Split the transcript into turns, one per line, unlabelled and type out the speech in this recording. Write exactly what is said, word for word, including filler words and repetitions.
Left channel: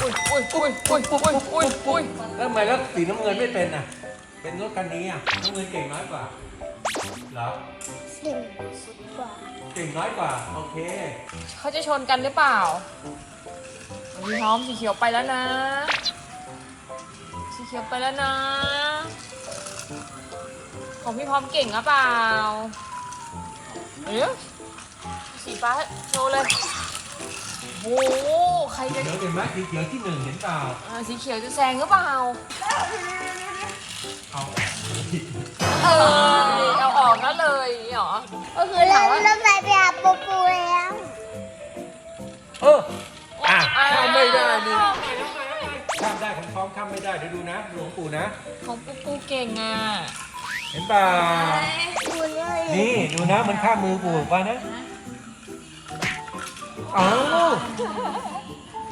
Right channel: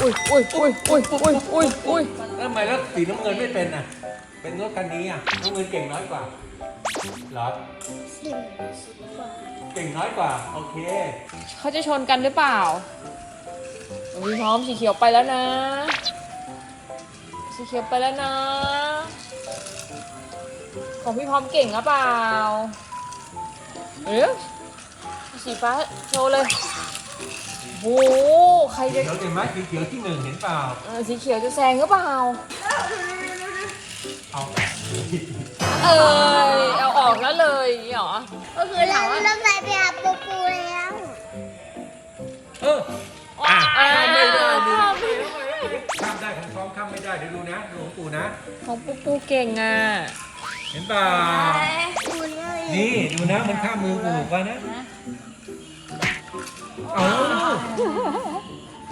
อุ้ยอุ้ยอุ้ยอุ้ยอุ้ยอุ้ยอุ้ย
แล้วทำไมแล้วสีน้ำเงินไม่เป็นอ่ะเป็นรถคันนี้อ่ะน้ำเงินเก่งน้อยกว่าเหรอ
หนึ่งกว่า
เก่งน้อยกว่าโอเค
เขาจะชนกันหรือเปล่าอุ้ยพร้อมสีเขียวไปแล้วนะสีเขียวไปแล้วนะของพี่พร้อมเก่งหรือเปล่าเอ๊ะสีฟ้าโชว์เลยโอ้โหใคร
สี
จะ
เขียวเก่งไหมสีเขียวที่หนึ่งเห็นเปล่า
เออสีเขียวจะแซงหรือเปล่า
เอา
เออเอาออกแล้วเลยเหรอ
ก็คือเราเริ่มไปไปหาปูปูแล้ว
เอออ่ะข้ามไม่ได้นี่ข้ามได้ของท้องข้ามไม่ได้เดี๋ยวดูนะดูของปู่นะ
ของปูปูเก่งอ่ะ
เห็นเปล่า
ปูเลย
นี่ดูนะมันข้ามมือปู่ไปนะเอา
เ